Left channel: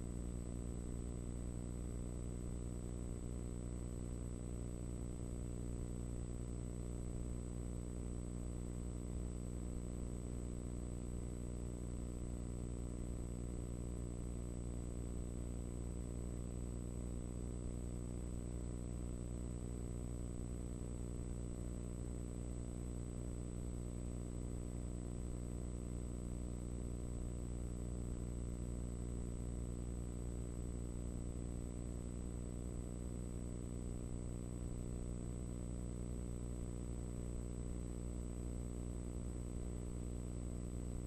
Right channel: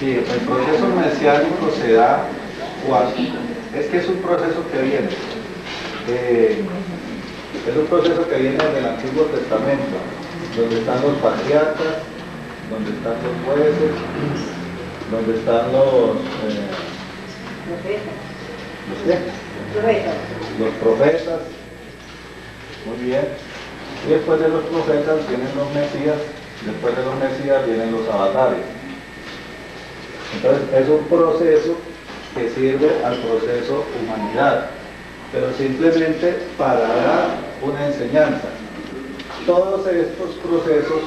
Sí, el proceso mesiánico se da cuando, es que es un proceso que viene, es un proceso que viene del Antiguo Testamento, donde están los patriarcas, donde están los jueces, donde están los profetas, muy bien, y después de los profetas vienen los mesías, después de los mesías vienen los avatares. Entonces es un proceso que sirve al proceso humanidad, pero simplemente para dar una enseñanza. Todos estos procesos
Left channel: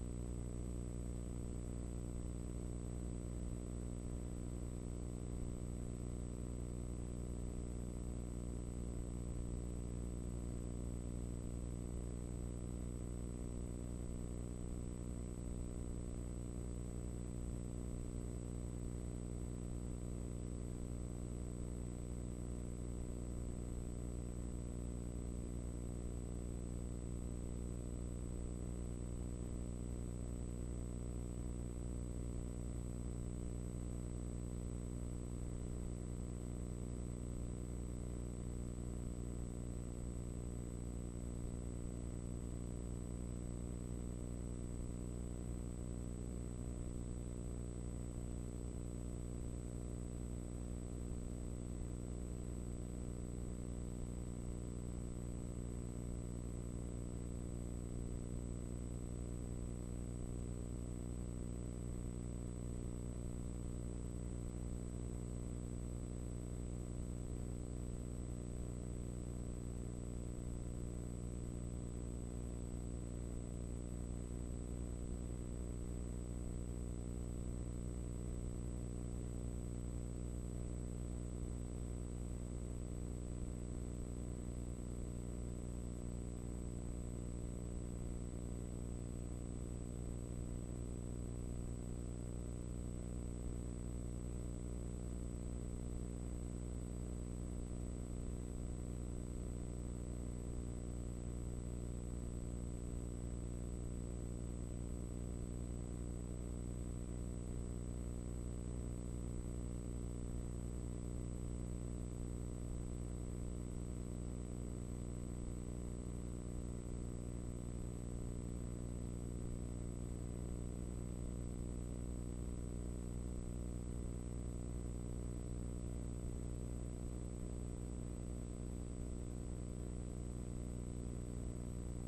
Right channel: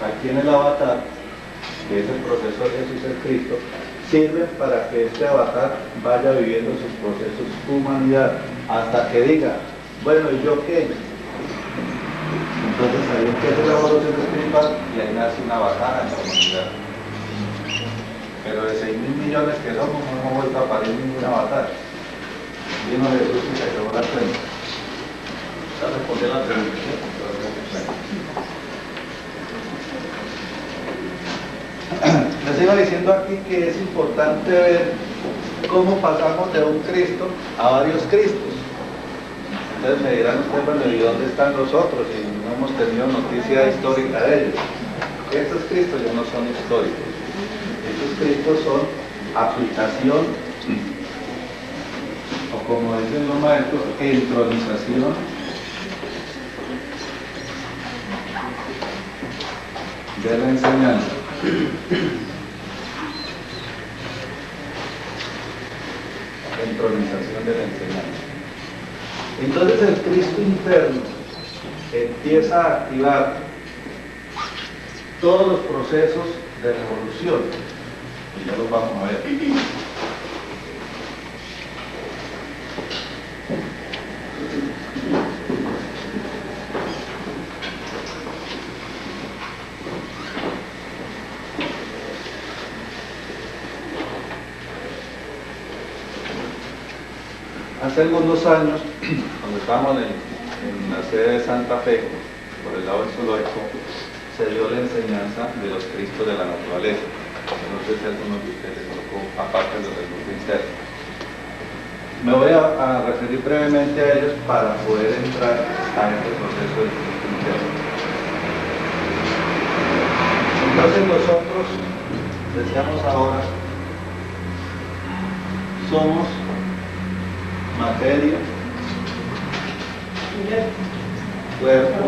aquí en el avatar, que es el proceso de Jesús el Cristo, sirven para que este avatar vaya viviendo sus procesos humanidad, hasta que diga, bueno, ¿y yo qué? Entonces ahí empieza la evolución espiritual y ahí nace una avatar en la humanidad. Pero de 6.000 millones que somos, no hemos vuelto a parir ningún avatar. Vino Jesús y se acabó la cuenta. ¿Ya respondió la pregunta? Les iba diciendo aquí que es importante ver cómo pasamos de un Cristo a varios Cristos. Entonces me dirán ustedes, bueno, ¿y dónde están los otros? Y no hemos tenido noticia histórica de ellos. Estos Cristos ya no son históricos. Estos Cristos son aplicación, o como dicen los maestros, entronización de la enseñanza. Entronización de la enseñanza. Entonces el Cristo interno empieza a activar todos los procesos de revolución, y ya los vamos a ver. Hace algunos años, cuando estábamos en la sede de Santa Fe, por el lado del zoológico, se dio la enseñanza de los Cristos de la naturaleza. No sé si algunos de ustedes tocó, aparte de los del grupo interno. Me voy a referir brevemente a ellos para poder entrar a este proceso del Cristo interno. Entonces nosotros, decíamos ahora, somos materia, cuerpo,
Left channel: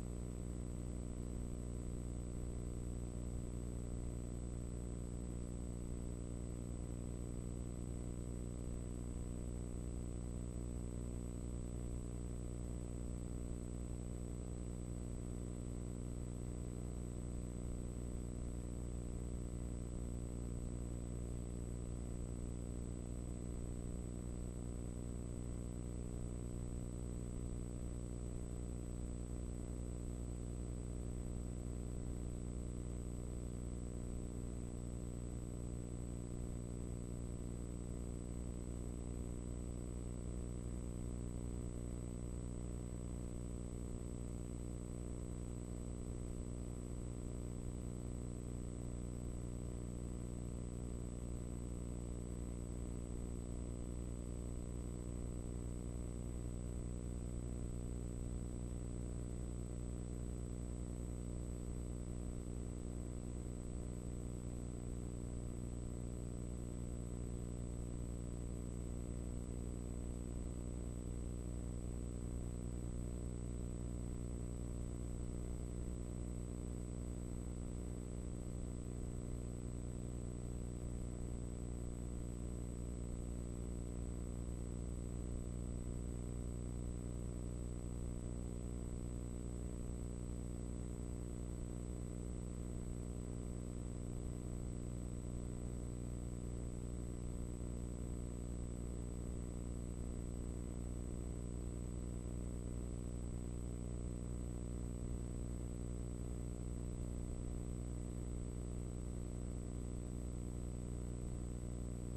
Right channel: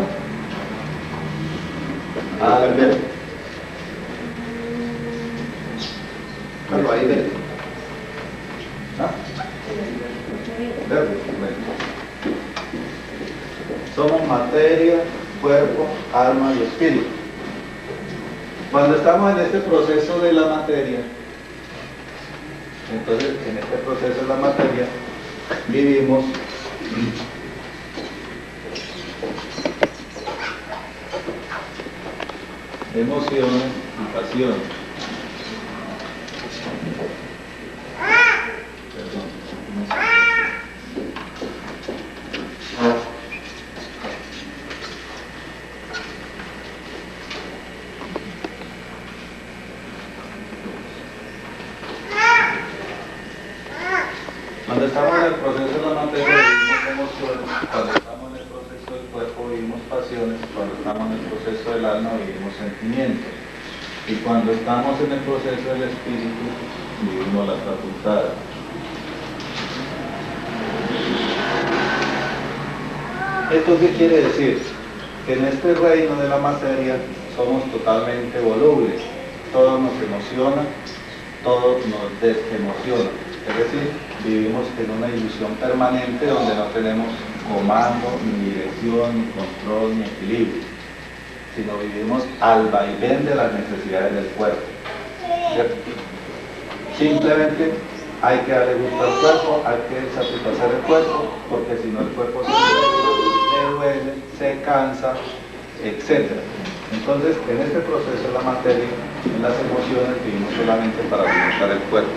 alma. Claro, ahí ven. ¿Ah? Bueno. Somos materia, cuerpo, alma y espíritu. Cuando estamos en este proceso de la materia, entonces en este proceso de la materia vivimos emociones y pasiones. Cuando estamos en el proceso de la materia vivimos emociones, cuando estamos en el proceso del cuerpo vivimos pasiones, cuando estamos en el proceso del alma vivimos sentimientos, y cuando estamos en el proceso del espíritu vivimos las facultades. ¿Esto qué quiere decir? Que en este reino de la materia somos totalmente volubles, todo nos emociona, todo nos desemociona. Es decir, vivimos en una ilusión permanente donde no tenemos comando, ni dirección, ni control, ni equilibrio, sino vivimos al vaivén de las necesidades del cuerpo. ¿Cierto? Simplemente hay que darle gusto al cuerpo, hay que satisfacer el cuerpo, porque si no el cuerpo se duele, se cansa, etc. Entonces, en este proceso de la materia, en las emociones, vivimos solamente para alimentar el cuerpo.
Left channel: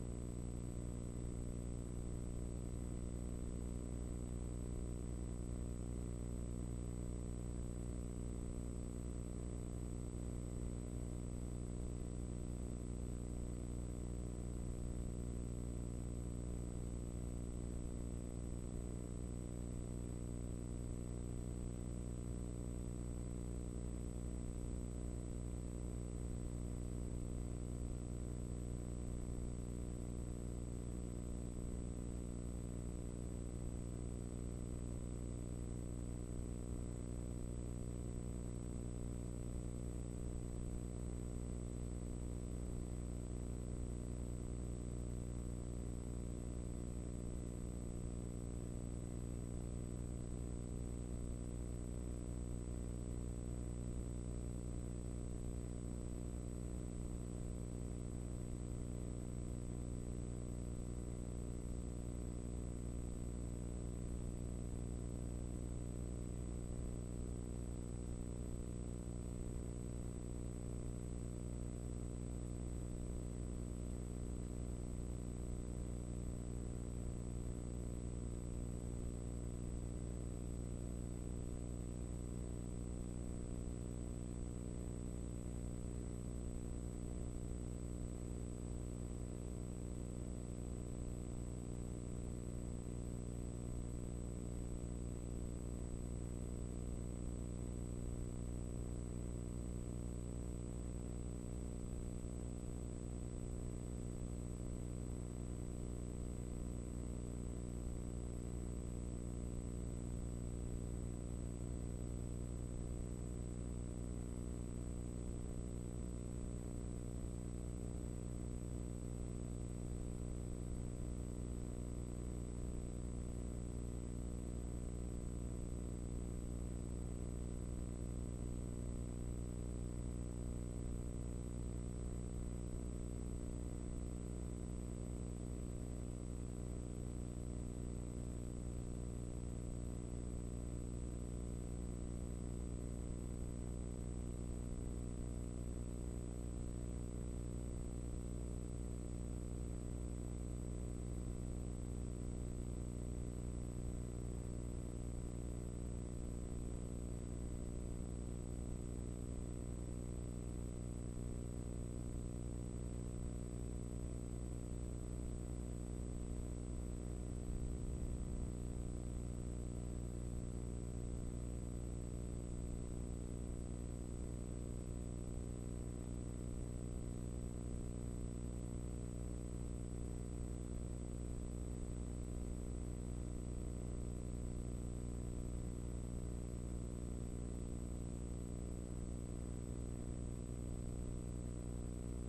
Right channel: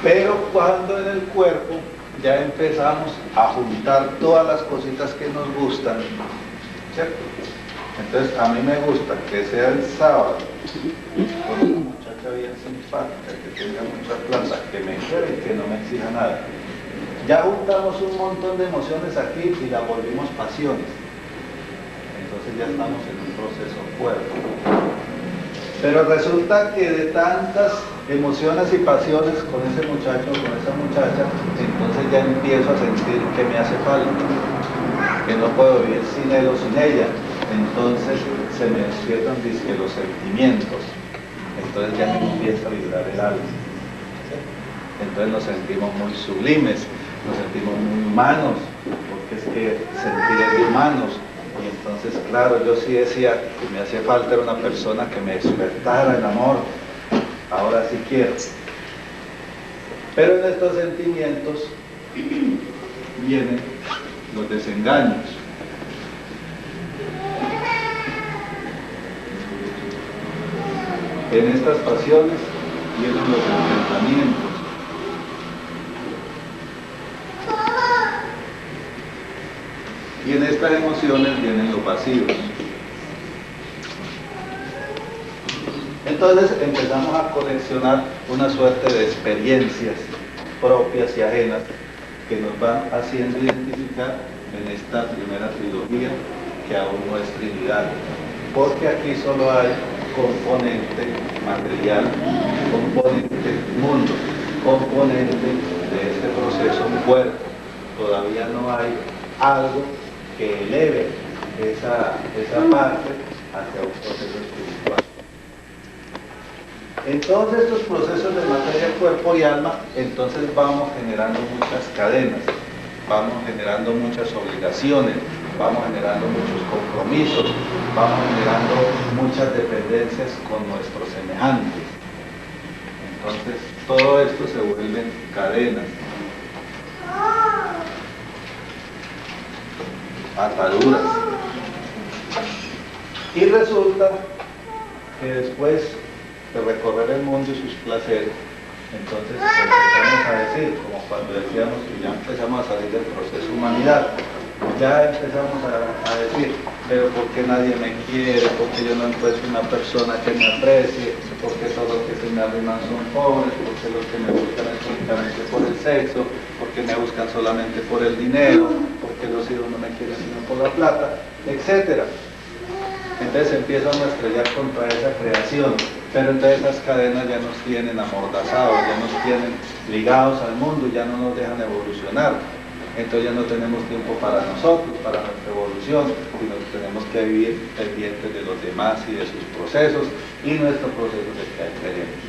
Pero cuando en el cuerpo ya empezamos a juntar todas las cositas que nos gustan, ¿cierto? Entonces a mí me gusta que sea el sábado con una muchacha bien simpática, que tenga mucha plata, que me quiera y que no me exija nada. Ya juntamos un montón de emociones aquí y la volvimos pasiones. Entonces ya estamos en un proceso fuerte. Pero resulta que de tantas emociones y pasiones con ese muchacho o con esa muchacha, entonces ya empiezo a sentir que me hace falta, que no puedo vivir sin él o sin ella. Entonces se me despiertan los sentimientos. Entonces ya me empieza a vibrar el alma. Entonces nos sentimos muy sublimes, nos sentimos muy humanos, porque es que sentir es de humanos. Y entonces, claro, yo sí decía que me hacía falta era una persona que me despertara el amor. Ahora sí quiero. Pero en estos sentimientos vienen los desengaños. En estas pasiones vienen los enfrentamientos. Y en estas emociones vienen los vacíos. Entonces empezamos a coleccionar una suerte de experiencias propias y ajenas que nos van haciendo identificar en esta primera trilogía, que aún no es Trinidad. Porque aquí solo hay componente material, componente mundo, componente de este proceso cuerpo. Todavía no hay algo que eleve esa parte hacia un proceso espiritual. En todos estos procesos de materia, cuerpo y alma, entonces vamos generando muchas cadenas, vamos generando muchas obligaciones, vamos generando muchos compromisos, vamos generando muchas dependencias con nuestros semejantes. Entonces, todo esto se vuelven cadenas, ataduras. Y resulta que después de recorrer el mundo y sus placeres, entonces empezamos a decir, como cuando decíamos que ya empezamos a salir del proceso humanidad, ya empezamos a decir, pero ¿por qué nadie me quiere? ¿Por qué yo no encuentro una persona que me aprecie? ¿Por qué todos los que se me arriman son pobres? ¿Por qué los que me buscan es únicamente por el sexo? ¿Por qué me buscan solamente por el dinero? ¿Por qué los hijos no me quieren sino por la plata? Etcétera. Entonces empiezan a estrellar contra esa creación, pero entonces esas cadenas ya nos tienen amordazados, ya nos tienen ligados al mundo, ya no nos dejan evolucionar. Entonces ya no tenemos tiempo para nosotros, para nuestra evolución, sino que tenemos que vivir pendientes de los demás y de sus procesos y nuestros procesos de que queremos.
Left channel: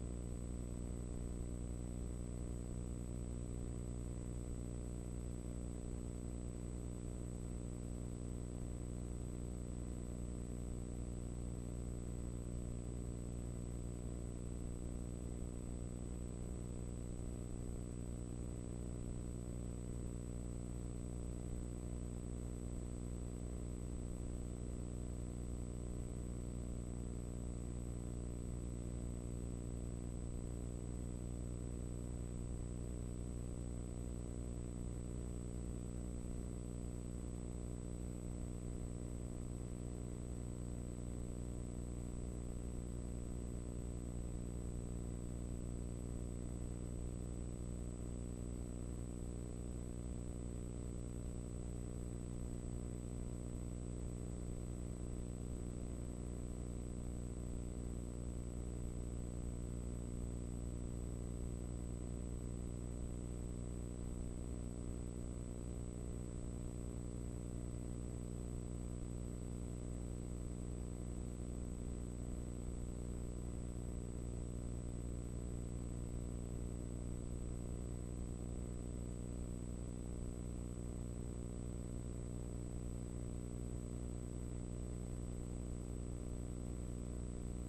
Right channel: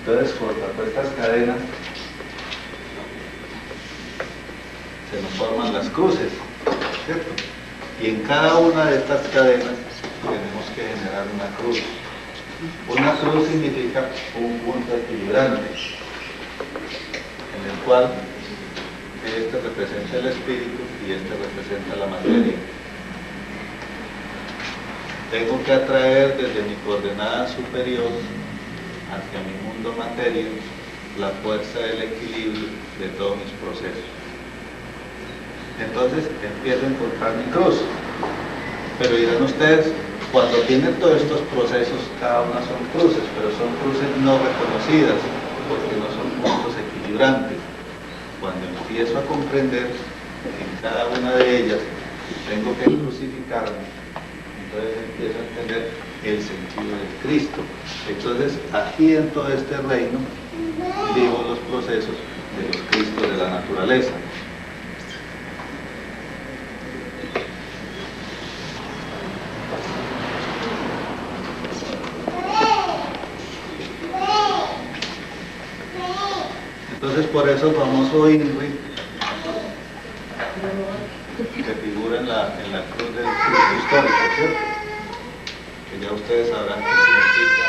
Entonces, contra todas estas cadenas se nos forman las cruces, ¿cierto? Y en cada una de estas cadenas tenemos que generar una cruz. Una cruz significa un punto equilibrante, en el cual este representa el espíritu y este representa la materia. Tengo que atraer desde mi coordenada superior hacia mi mundo materia la fuerza del equilibrio de todos mis procesos. Entonces empiezo a encontrar mi cruz. Pero dirán ustedes, cuando tienen todos estos procesos, cada una son cruces, pero son cruces no reconocidas, porque no son puntos equilibrantes. Cuando empiezo a comprender que en cada una de ellas tengo que crucificarme, entonces empiezo a entender el sentido del Cristo. Entonces, aquí en todo este reino, vivo los procesos de los Cristos de la naturaleza. Entonces, por eso el famoso INRI, que figura en la cruz del Cristo histórico, ¿cierto? Que ya ustedes sabrán que significa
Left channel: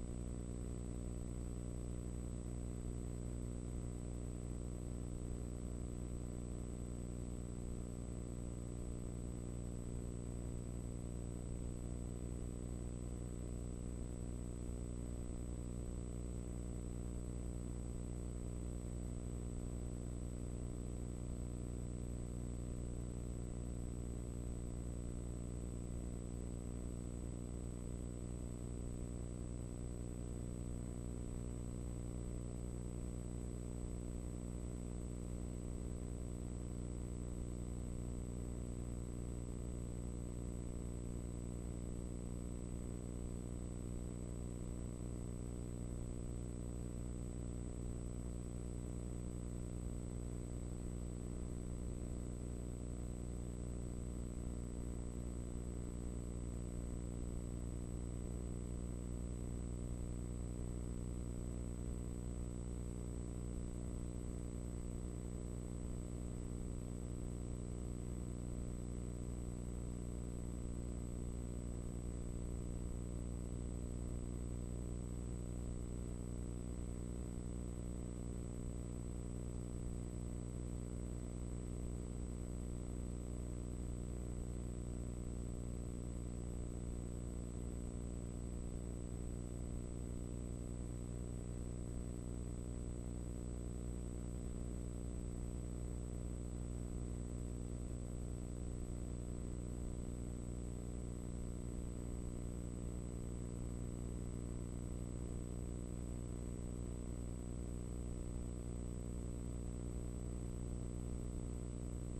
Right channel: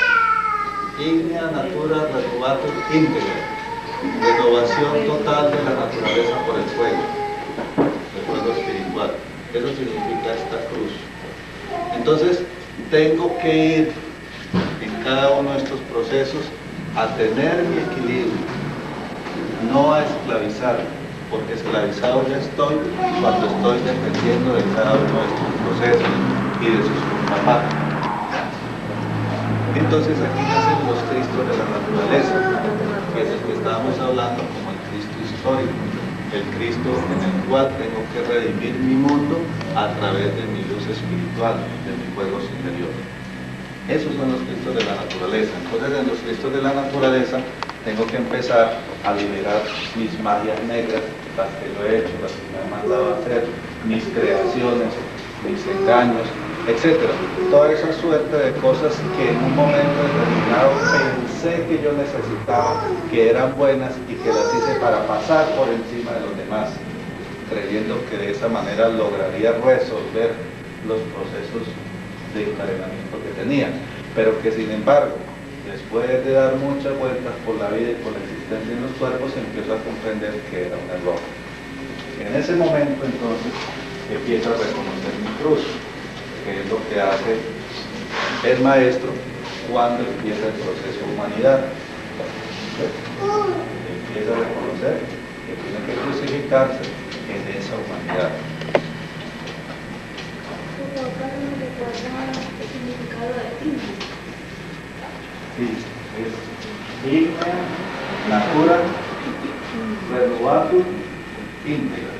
Ignea Natura Renovatur Integra, renovación total de la naturaleza por el fuego espiritual. Eso significa esta cruz. Entonces, tengo que ir en cada uno de estos procesos a tener mi equilibrio, no a esclavizarme, porque esclavizado ya estoy cuando estoy dependiendo de cada uno de estos procesos y de sus contrapartes. Entonces aquí nacen los Cristos de la naturaleza, que es el que estábamos hablando como el Cristo histórico, el Cristo en el cual tengo que redimir mi mundo a través de mi luz espiritual, de mi fuego superior. Esos son los Cristos de la naturaleza. Entonces en los Cristos de la naturaleza tengo que empezar a liberar mis magias negras, las que lo he hecho, las que me han mandado a hacer, mis creaciones, mis engaños, etc. Toda esa suerte de cosas que en un momento determinado pensé que yo necesitaba, que eran buenas y que las hice para pasar por encima de los demás, creyendo que de esa manera lograría resolver los procesos de encadenamiento que tenía, pero que sin embargo, después de dar muchas vueltas por la vida y por la existencia en los cuerpos, empiezo a comprender que era un error. En ese momento entonces empiezo a reconocer mi cruz, que es lo que hace el maestro cuando empieza el proceso de humanidad. Empieza a reconocer que tiene que crucificarse en esa humanidad. Sí, es ignea, natura, renovatur, íntegra.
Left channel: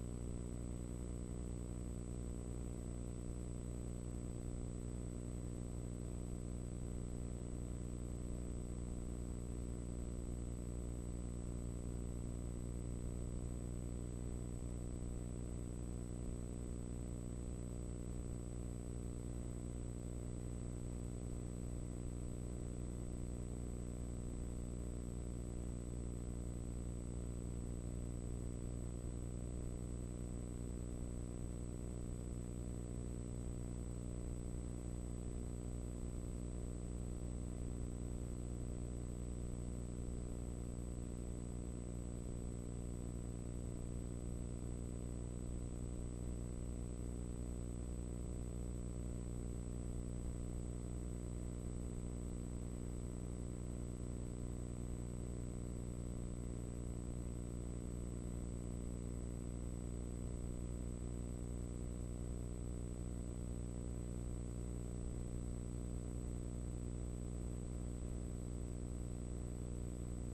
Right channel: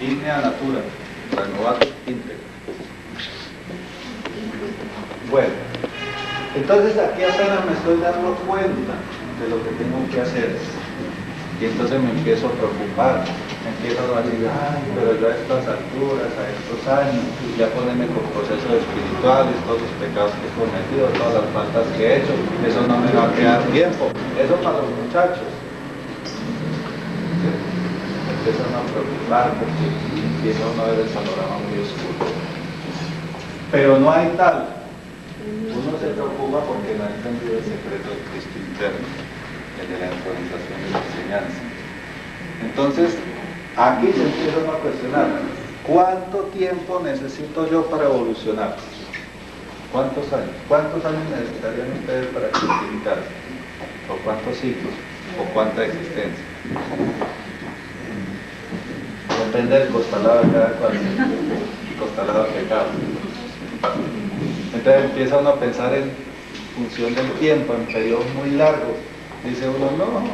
Ignea, natura, renovatur, íntegra. Bueno, entonces aquí apenas me estoy dando cuenta de lo que tengo que hacer. Y entonces me empiezo a preocupar, me empiezo a decir, ay, pero yo a estas alturas, a estos años, ya ponerme con procesos espirituales, todos los pecados que he cometido, todas las faltas que he hecho, eso no me va a quedar tiempo, eso para los muchachos. Me empiezan a preocupar porque empieza uno a ver el panorama muy oscuro. Pero no hay tal. Uno se preocupa porque no ha entendido el secreto del Cristo interno, el de la actualización de la enseñanza. Entonces, aquí se empieza a cuestionar, ¿cuánto tiempo necesito yo para evolucionar? ¿Cuántos años? ¿Cuántos años necesitarían ustedes para crucificarse? ¿O cuántos siglos? ¿O cuánta existencia? Depende del costalado de cada cual, costalado de pecado. Entonces empieza uno a pensar en función del tiempo, en periodos muy largos. Dice uno, no,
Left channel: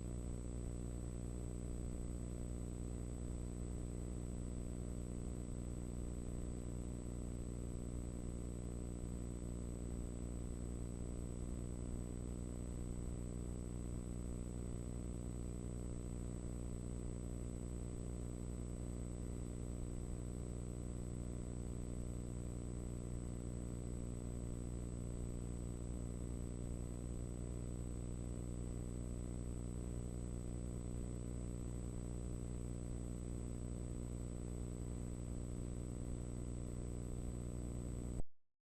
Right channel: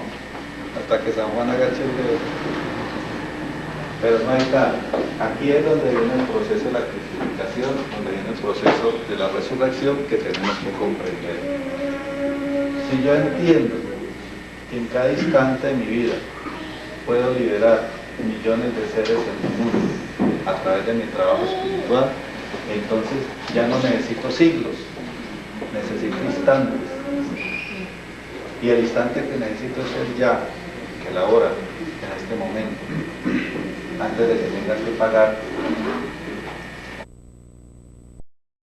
hasta que San Juan agache el dedo. Pero no hay tal. Aquí es donde viene el proceso de la crucificación, donde viene el proceso de la resurrección que tenemos que comprender. Si yo entiendo que en cada instante de mi vida puedo liberar millones de seres en el mundo a través de mi trabajo espiritual, entonces ya no necesito siglos, necesito instantes. Y el instante que necesito es el ya, que la hora, en este momento, antes de que tenga que pagar